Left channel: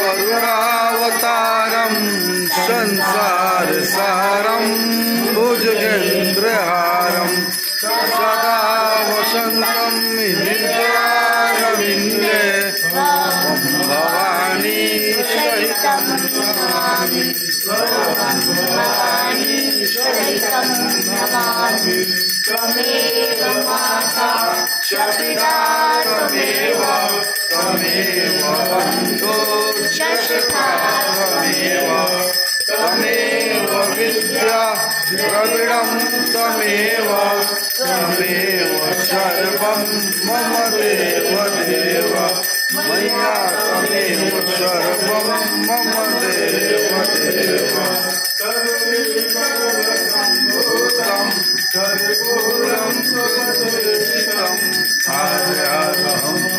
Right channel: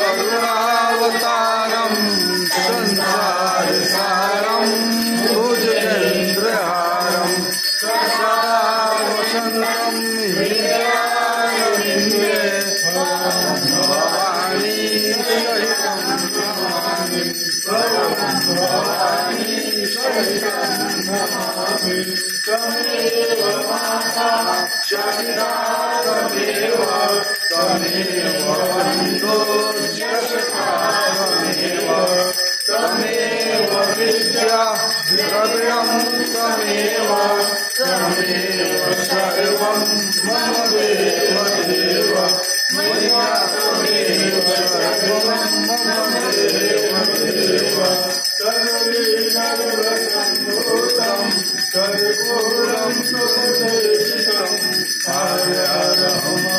करुणावतारं संसारसारं भुजगेन्द्रहारं सदा वसन्तं हृदयारविन्दे भवानी सहितं नमामि भवानी सहितं नमामि त्वमेव माता च पिता त्वमेव बन्धो च सखा त्वमेव विद्या द्रविणं त्वमेव सर्वं मम देव मया त्वमेव सर्वं मम देव कर्पूरं सुरक्षितं आर्यारहं